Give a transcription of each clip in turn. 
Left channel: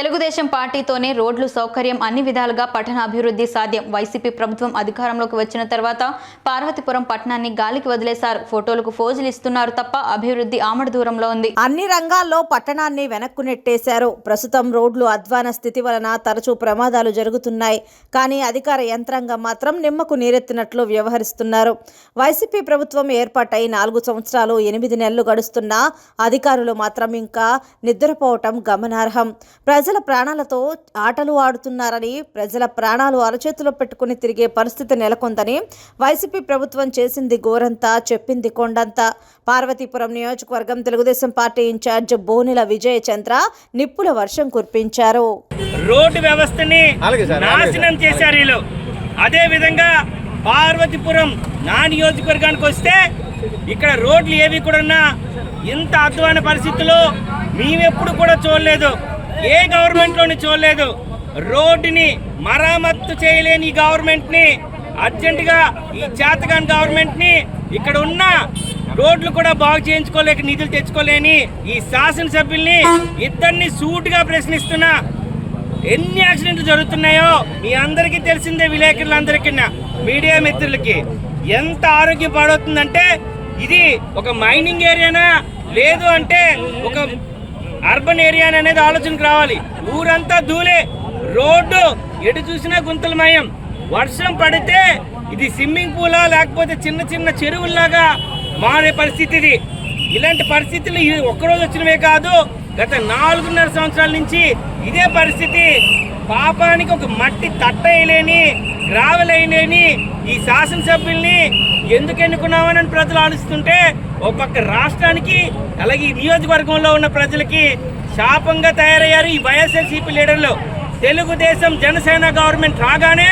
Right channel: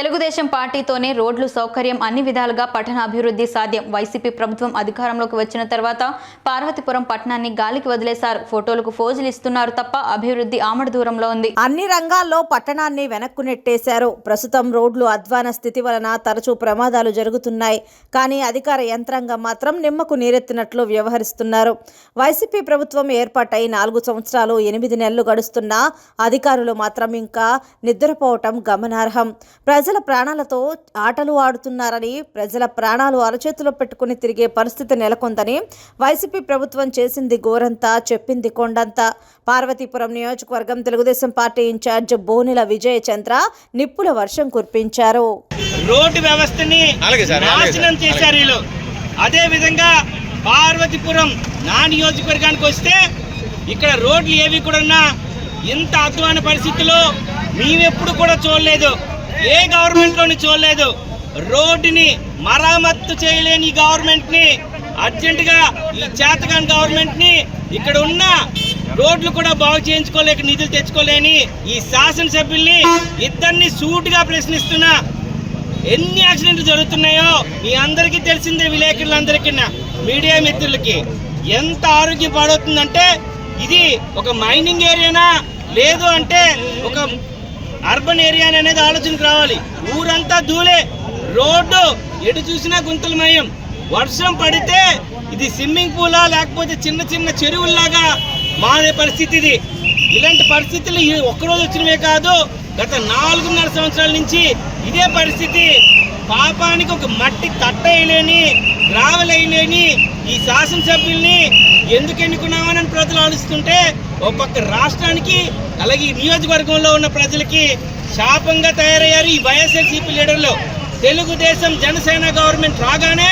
తెలుగుదేశం పార్టీతోనే రోడ్లు సౌకర్యం అన్ని విధాలుగా పట్టణ అభివృద్ధి సాధ్యం. వైసీపీ ప్రభుత్వం అధికారంలోకి వచ్చిన తర్వాత పార్వతీపురం పట్టణాన్ని గాలికి వదిలేశారు. ఫోటోలకు ఫోజులు ఇస్తున్నారు తప్ప అభివృద్ధి ఆమడ దూరంలో ఉంది. అన్ని రంగాల్లో పట్టణాన్ని వెనక్కు నెట్టేశారు. ప్రస్తుతం రోడ్లు అధ్వాన స్థితి వలన తరచూ ప్రమాదాలు జరుగుతున్నాయి. కానీ అధికార యంత్రాంగం మాత్రం నిమ్మకు నీరెత్తినట్లు వ్యవహరిస్తున్నారు. వైసీపీ ప్రభుత్వం ఏర్పాటై నాలుగు సంవత్సరాలు ఎనిమిది నెలలు గడుస్తున్నా అధికారులు మాత్రం ఇంకా నిద్రపోవటం గమనార్హం. ప్రజల ప్రాణాలతో ఆటలు ఆడుతున్నారని ప్రజల ప్రాణాలు అరచేతిలో పెట్టుకుని తిరిగే పరిస్థితి నెలకొందని వైసీపీ ప్రభుత్వం చేసింది గోరంతా చెప్పింది కొండంతా. పార్వతీపురం నియోజకవర్గం తెలుగుదేశం పార్టీ ఇన్ఛార్జ్ బోనెల విజయ చంద్ర నిప్పుల వర్షం కురిపించారు. రోడ్డు వ్యవస్థని నాశనం. చేశారు వీళ్ళు. అదే విధంగా పార్వతీపురం నా నియోజకవర్గానికి వస్తే ఇక్కడ రోడ్లు ఏవి కూడా ఇంత అద్వాన పరిస్థితుల్లో మేమెప్పుడు కూడా చూడలేదు. ఏ గవర్నమెంట్లోని చూడలేదు. రోడ్డుని మరామత్తు చేయలేని ఈ గవర్నమెంట్ని అర్జెంట్గా ఈ చేతగాని గవర్నమెంట్ని ఇక్కడ ఉన్న రోడ్లు కూడా బాగు చేయించుకోలేక నిధులు తెచ్చుకోలేని ఈ శాసనసభ్యుల్ని ఇద్దరిని సూటుగా ప్రశ్నిస్తున్నా ఎన్ని యాక్సిడెంట్లు జరుగుతున్నాయో మీ అందరికీ తెలిసిందే విలేకరులందరికీ మీడియా మిత్రులకి. ఎంత ఆరోగ్యం పాడవుతుందంటే ఇది ఒక మైనింగ్ ఏరియానా? లేదు అంటే ఒక అర్బన్ ఏరియా అనేది ఆలోచనకు రావాలి. ఊరంతా దూలే రోడ్డు ఎటు చూసినా గుంతలమయం. వర్షం పడితే ఇది స్విమ్మింగ్ పూలా లేకపోతే చిన్న చిన్న చెరువుల్లాగా మారే పరిస్థితి ఇది. ఇలాంటి పరిస్థితులు ఒక్కరోజు వచ్చినవే కాదు గత నాలుగున్నర సంవత్సరాల నుంచి ఇదే పరిస్థితి. పాపానికి ఒక మట్టి తట్ట వేయలేని గ్రావెల్ వేయలేని ఈ శాసనసభ్యుల్ని ఎందుకు ఎన్నుకున్నామని ప్రజలు ఆలోచిస్తుంటే ఒక పక్క రాష్ట్రానికి అలాగే ఈ నియోజకవర్గంలో ఉన్న ప్రజలకి శాపంగా తయారయ్యారు ఈ వైఎస్ఎల్సీపీ లీడర్లు. తెలుగుదేశం జనసేన గవర్నమెంట్ రాగానే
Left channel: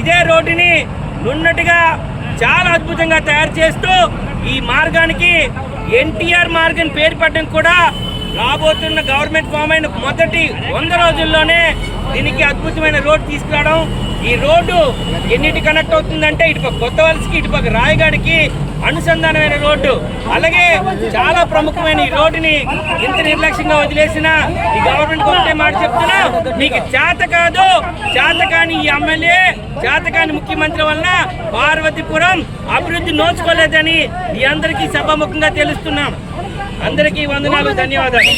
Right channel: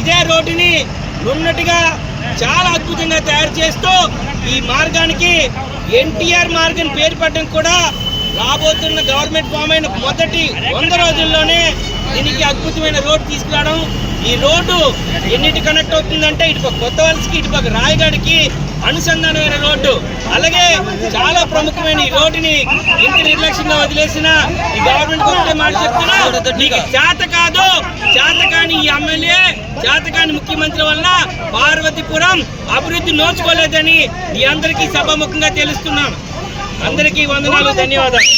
ఇదే రోడ్డుని నున్నట్టుగా చాలా అద్భుతంగా తయారు చేస్తూ ఈ మార్గానికి ఎన్టీఆర్ మార్గం పేరు పెట్టడం కూడా రాబోతున్న గవర్నమెంట్ ఫామ్ అయిన మొదటి వంద రోజుల్లోనే దీనికి అద్భుతమైన రోడ్డు తీసుకురావడం. ఈ రోడ్డు ఎన్నిటి కనెక్ట్ అవుతుందంటే ఇటుపక్క కొత్త వలసకి ఇటుపక్క రాయగాడికి అనుసంధానమైన రోడ్డు. అలాగే చాలా ప్రముఖమైన ఈ రోడ్డుని ఇంత నిర్లక్ష్యంగా వదిలేసిన ఈ గవర్నమెంట్ ఒకటే మాట చెప్తున్నా నీకు చేత కాదు చేత కాని ఈ ఎమ్మెల్యే చేతకాని ముఖ్యమంత్రి వలన పార్వతీపురం అభివృద్ధి నోచుకోలేదని మీ అందరికీ సభాముఖంగా తెలుస్తున్నాను. అందరికీ వందనాలు ధన్యవాదాలు.